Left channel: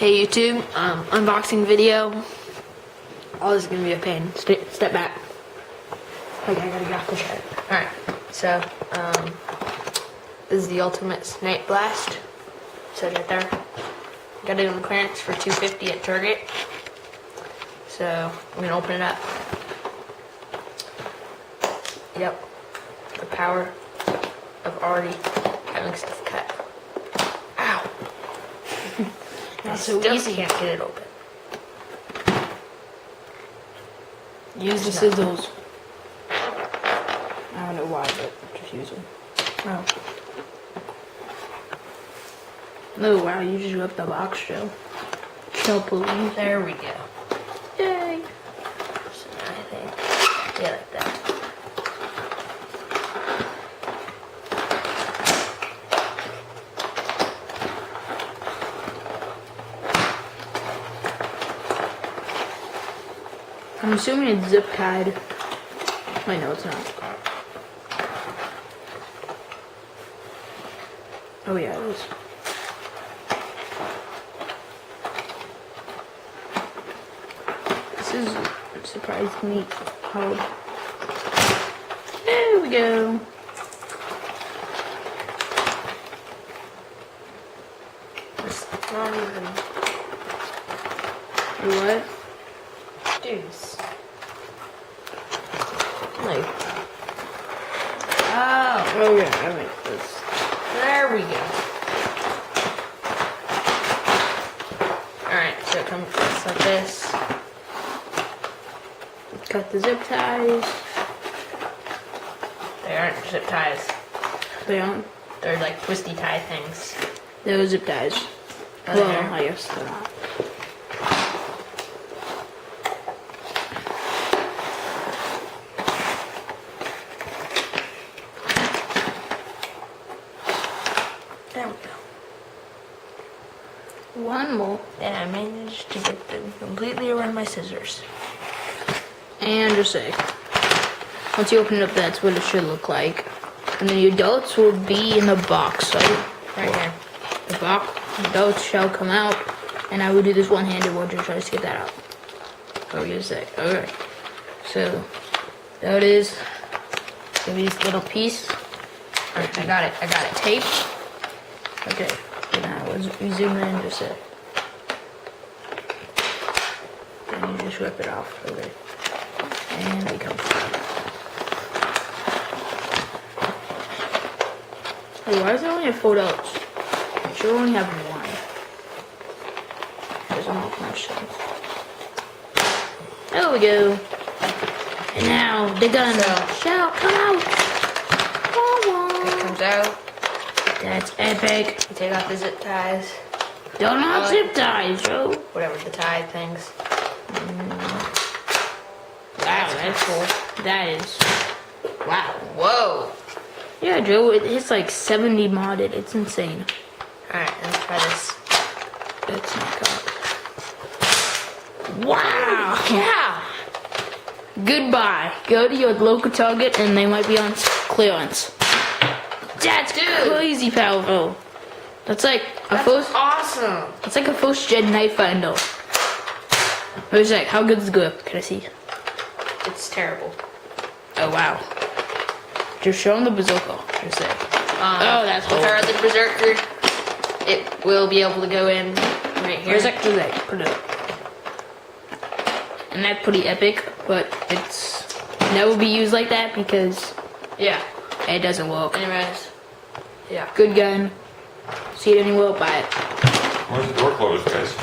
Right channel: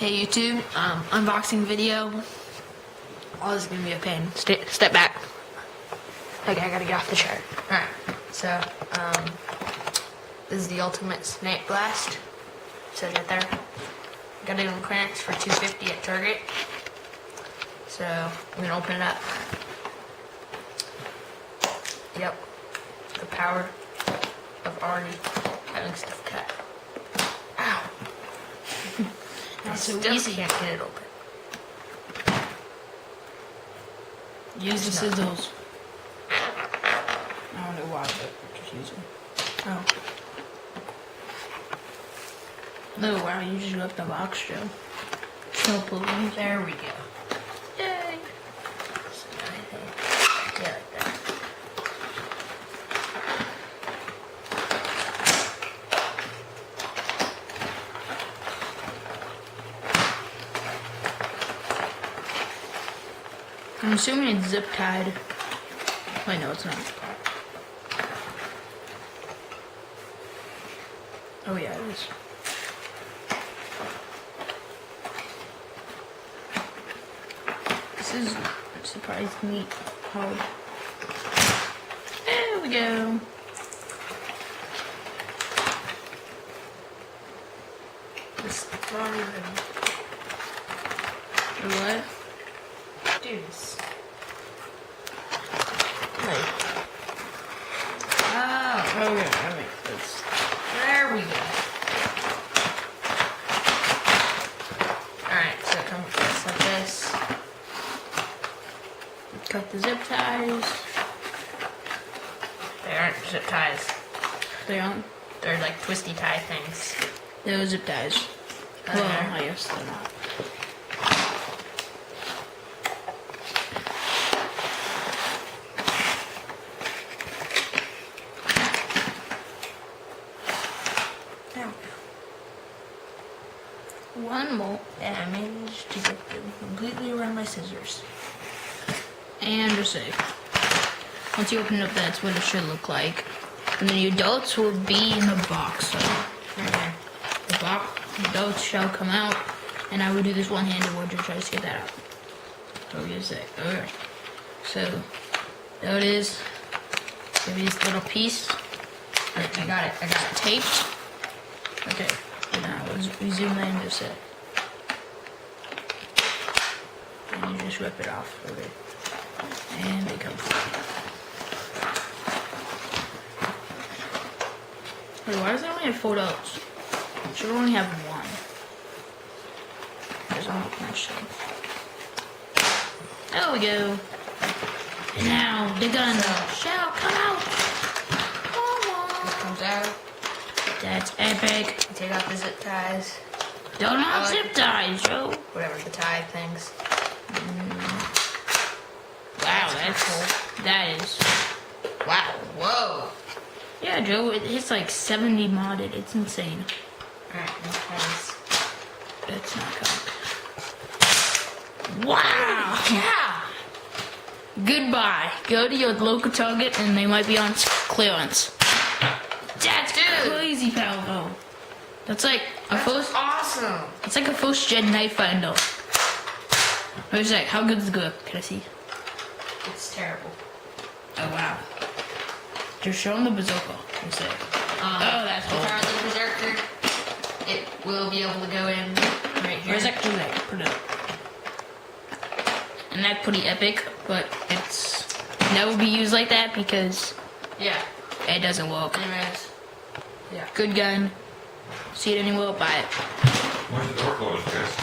Hey YouTube, unboxing video. Oh, this is gonna be a pain. Step back. Okay, I gotta get off the chart. Alright, so, this is the ultimate snipe blast. It says right there. Got it on clearance for $250 at Target. So, I'm gonna open it up. Yep, the power of already having stuff cut. Ow! That's so Still easy. Can't get it open. Use the scissors. I don't know why, but just use them. Oh. Oh wow, you just ripped the box, Joe. Joe, please. There we go. Yay. So now I think, yeah, like that. I'm assuming it's zip tied. Wait, no, it's not. Oh yeah, it is. This is surprising me how. There we go. It's not even. What? Dudes. Like. Oh, Oh yeah, I mean this. there we go. Alright, so it comes like this. Cut the zip ties. They aren't zip ties. They aren't. They're like twisty tie things. They're zip ties. Oh, Well, they're- I guess they're not. There we go. One more. And I managed to get them completely around my scissors. And just say, once you open it up, that's what it should look like. And then the adults will be in the box. Right? Okay. The box, adults shall come out, and I will do this one-handed one to try to get that out. What were you gonna say? Alright. So, there it is. Give me this little piece. Alright, I got it. I got it. Taped. Okay. So now we zoom in just a. Then you just rip it off. Okay. And they come. Wait, why does it only have $4? It should only have one. Doesn't make much sense. There we go. And now the gun shall come out. It comes out. That's epic. You take off the zip ties. Don't have zip ties, Joe. Whatever, the tie things. Wow, that's cool. That is. Wow. Whoa. Yeah, Joe, it's like 70 modded. It's insane. Alright, let's try this. That's not cocked. Wow. Yeah. Goodbye. Go to your local Target and they might be on clearance. That's crazy powerful. That's like a That's awesome. It's like a first gen knife finder. Wait a sec, how good's the grip? Can I see? It's terrible. Oh wow. Just show them the bazooka. Just say. Oh, that's With our horrible. other berserker, it will be able to go in right here. Where's that? Put it up. And that's pretty epic, but it's never be used like that because Yeah. it doesn't work. Anyways. Yeah. Good gun. See it anywhere, buy it. Where's the door closed, guys?